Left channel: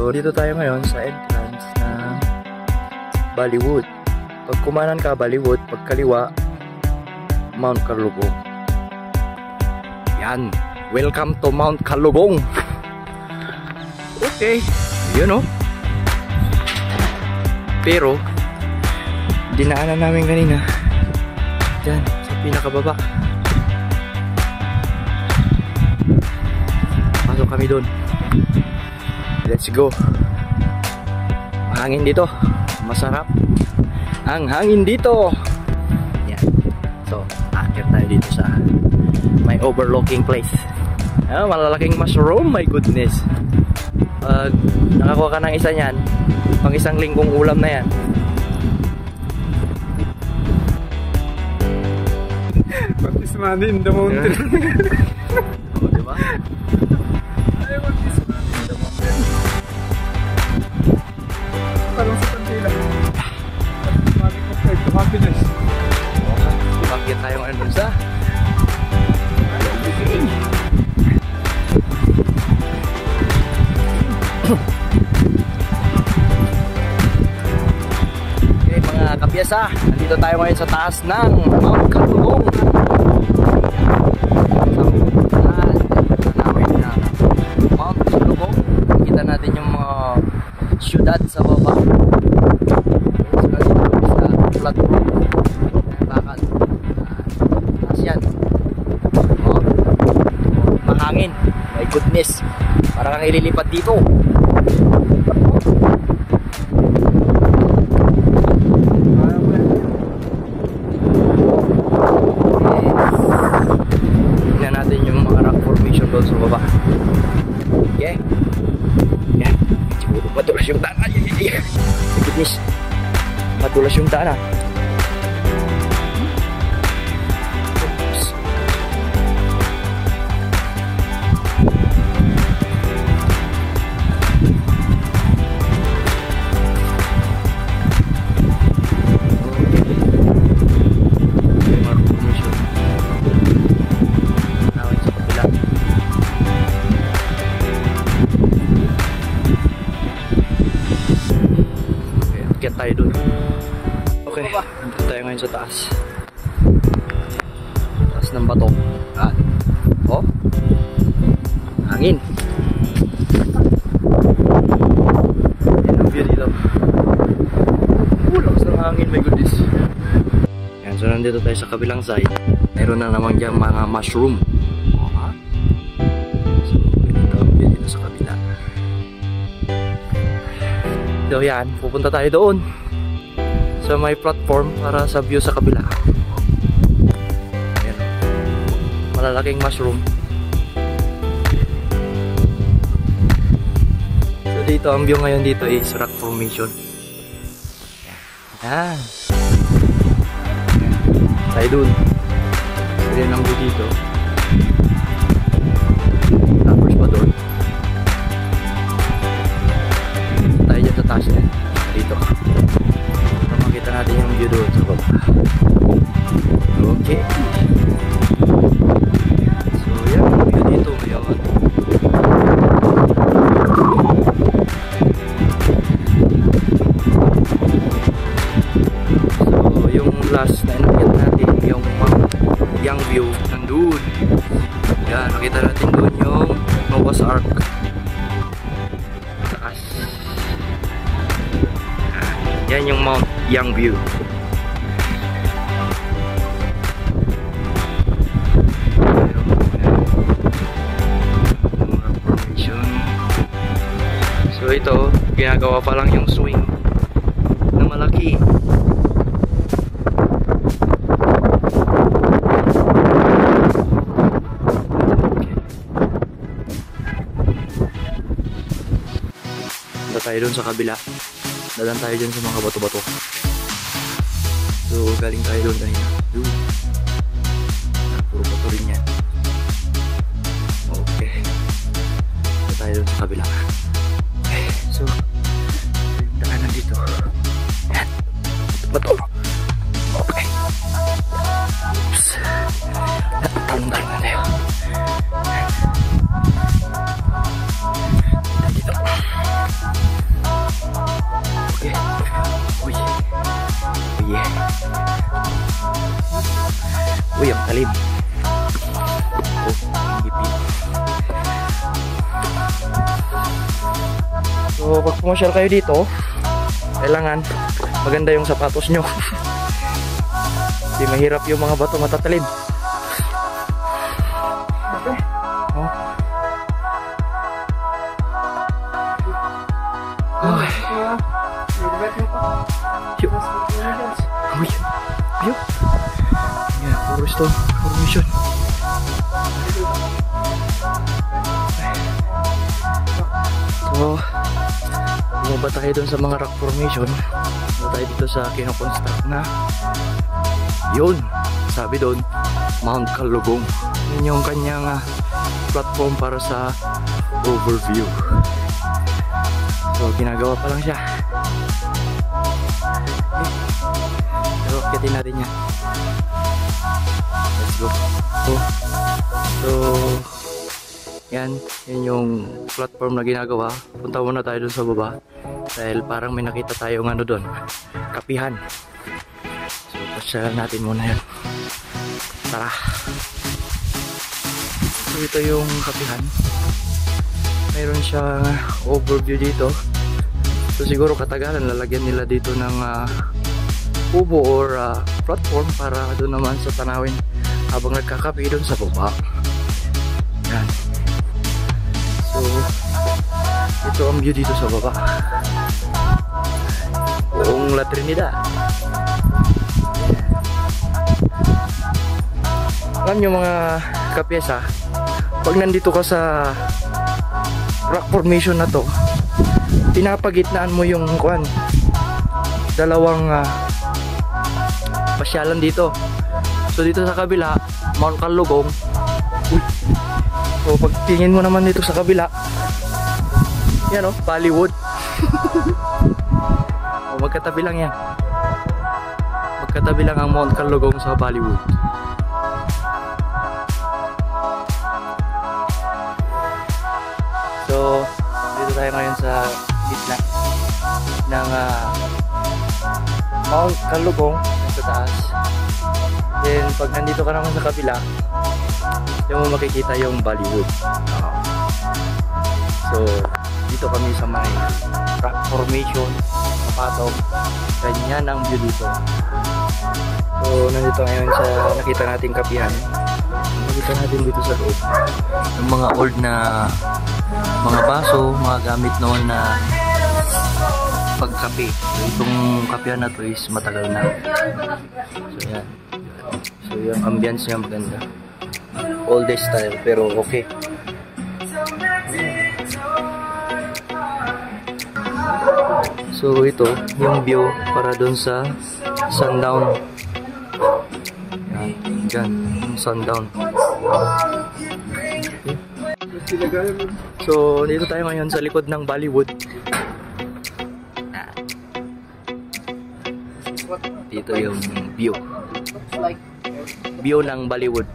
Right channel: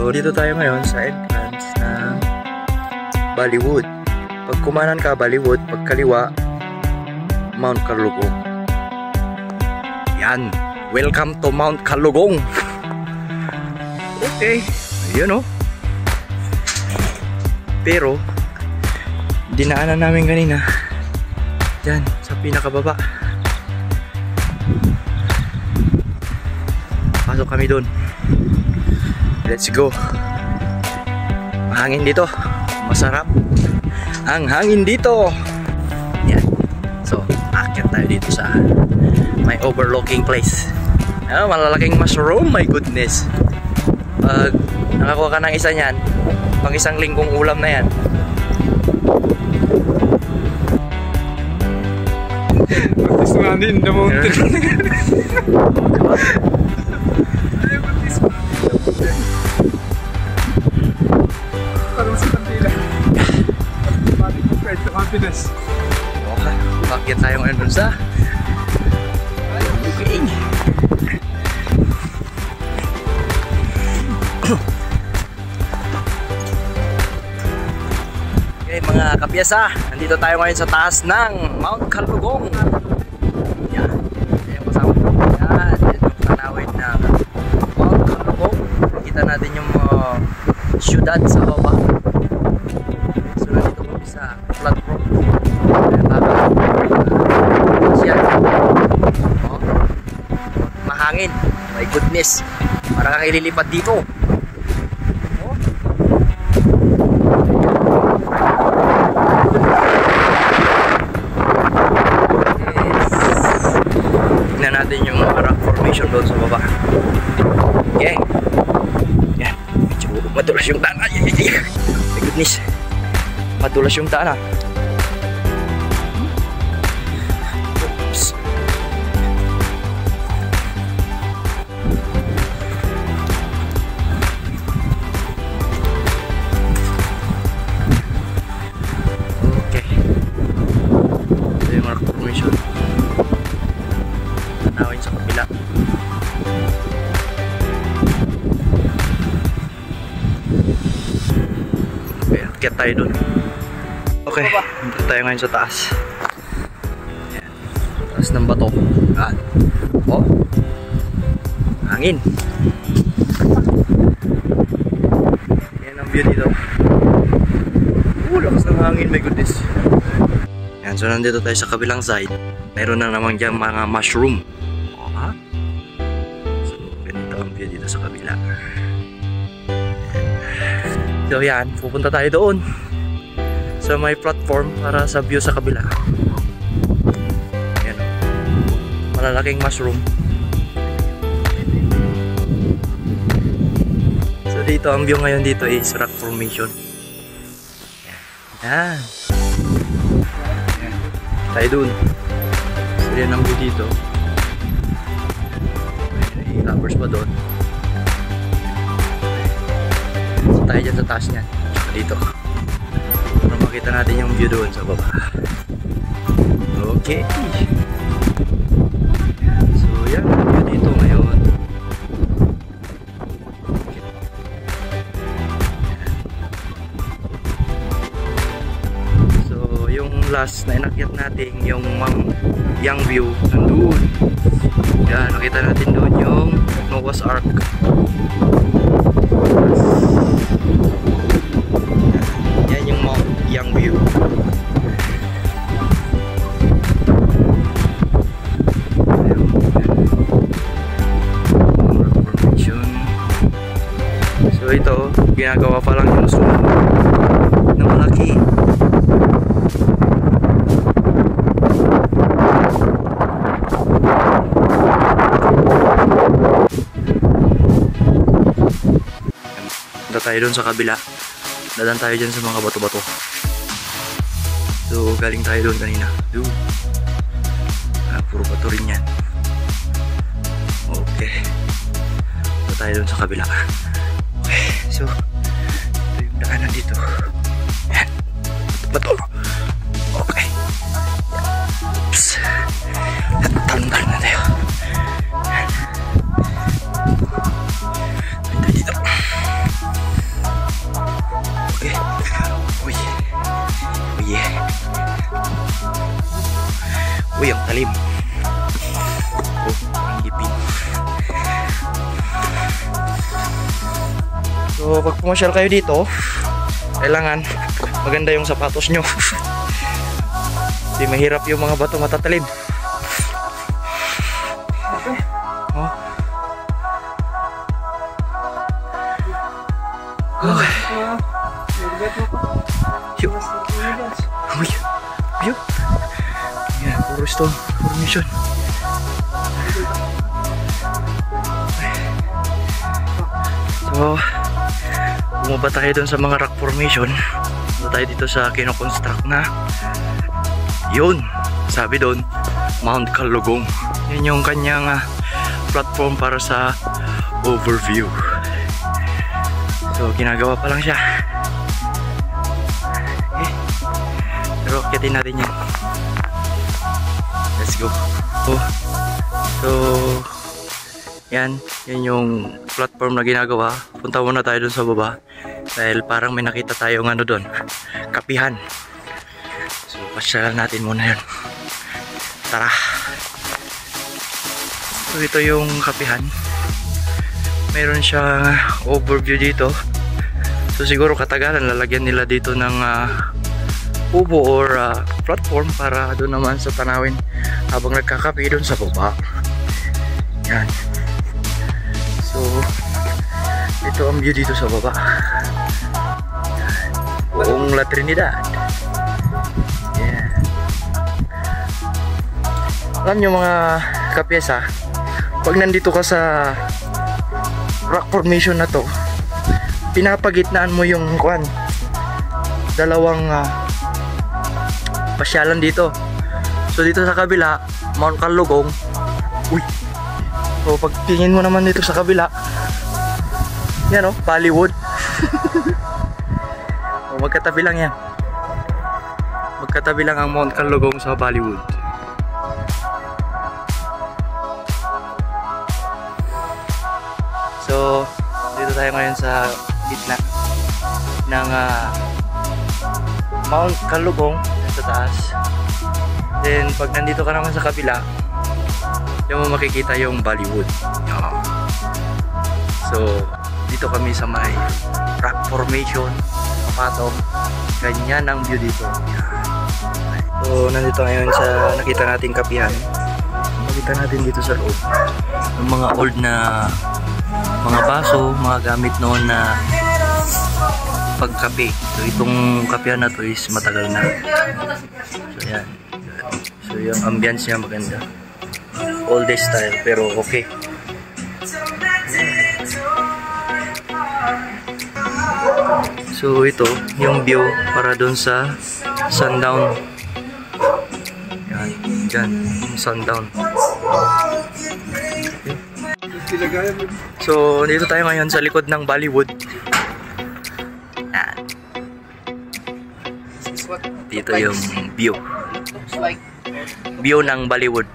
So dito tayo ngayon sa entrance ng Ballywood. Pag kumanan ka Ballywood, pag kaliwa Mount Calugong. Yan, welcome to Mount Calugong. Okay, yun o. Pero dinaanan namin kanina dyan sa pinakababa. Pasok kami doon. Let's go. Mahangin dito. Masarap ang hangin dito. Yan. So, akyat tayo dito sa may overlooking place. Malalaking mushroom. My goodness. Pag nakakuha ka ng isa niyan, pang isang linggong ulam na yan. This man in the mountain. Diba? Parang sa kantila. Automatic compared to happiness. Okay, bakit tayo ngayon dun sa okay. Okay mga kapyasa, nandito tayo ngayon sa taas ng Mount Calugong. Yan, kasama ko yan, tanawin na Mount Calugong. Kita natin yung syudad sa baba. Okay, so nandito kami sa platform. Ayan, baka yan. Oh, mahangin. My goodness, parang kang ililipat dito. Tingnan natin yung rock formation doon sa baba. Okay. Yan. Madulas yung daan. Ay, my goodness. Madulas yung daan. Oops. Okay. Ito yung rock formation. Nawin sa kapila. Okay, akyat tayo dun. Okay, nandito tayo ngayon sa taas. Ayan. Taas ng bato. Ayan. Oh, hangin. Ayan ang view dito. Lakas ng hangin, my goodness. Ayan, so nandito tayo sa kabilang side. Meron na naman dyan mga mushroom. So, ganito ang view dito sa kabila. So yan, pupunta tayo doon sa may platform para sa view sa kabila. Ayan, malalaking mushroom. So dito, ang view ngayon dito is rock formation. Yan. Tayo dun. So yan ang view dito. Tapos pa doon. So tayo dyan sa taas niyan. Dito. Para makita natin yung view doon sa baba. Okay. So yan ang view dito ngayon. So yung last na inakyat natin, yung Mount Youngview, nandun. Yan, nakita natin doon yung Noah's Ark. Yan yung Mount Youngview. So ito, ginagawa pa lang yung swing na malaki. Punta tayo dun sa kabila. Dadan tayo dyan sa mga bato-bato. So galing tayo dun kanina. Puro bato rin yan. Okay. Punta tayo dun sa kabila. Okay. So ito yung daanan dito. Yan. Bato. Okay. Oops. Tanggal na tayo. Yan. Punta dito. matalim. Oh, ang gipin. So pag pumasyal kayo dito, kailangan maganda yung sapatos nyo. Hindi mahirap yung mga bato matatalim. Oh. Okay. Uy. Ayun. Yan, puro stone formation. So, bumaba tayo dun sa mga rock formation. Bumaba tayo dito sa kinoconstruct na. Yun, sabi dun, Mount Kalugong. Yun yung kanyang platform para sa overview. So, ginagawa pa lang siya. Okay. Pero akitin natin yan. Let's go. So, yan yung platform na ginagawa. Punta muna tayo dun sa baba. Dahil parang may nakita tayong ano dun, kapihan. So, pasyalan natin muna yun. Tara. So, ito yung kapihan. Mayroon siyang overview dito. So siguro katagalan lalagyan nila dito ng ubo or platform para doon naman sa tanawin habang nagkakape doon sa baba. Yan. So ito ang view dito sa baba. Buong La Trinidad. Yeah. Alam nyo mga kapyesa, pag nandito ka sa rock formation na to, pinapagitnaan mo yung dalawang pasyalan dito. So dito sa kabila, Mount Kalugong. Uy. So pag tingin mo naman dito sa kabila, yan o, Bollywood. O, magkatabi lang yan. Magkatabi lang ang Mount Kalugong sa Bollywood. So dito tayo ngayon sa gitna ng Mount Kalugong sa taas. Then pag nandito ka naman sa kabila, yung mo makikita yung Bollywood. So dito kami sa may rock formation, kapatong. Ganyan ang view dito. So nandito ngayon sa nakita nating kapihan. Makita natin dito sa loob yung mga old na mga baso, mga gamit noon na pagkape. So itong kapehan na to is matagal na. So yan. So yung ambience niya maganda. Old style pero okay. So ito yung view para doon sa sundown. Yan, yan, yung sundown. So, dito tayo ngayon sa likod ng Bollywood. Dito yung view. View ng Bollywood.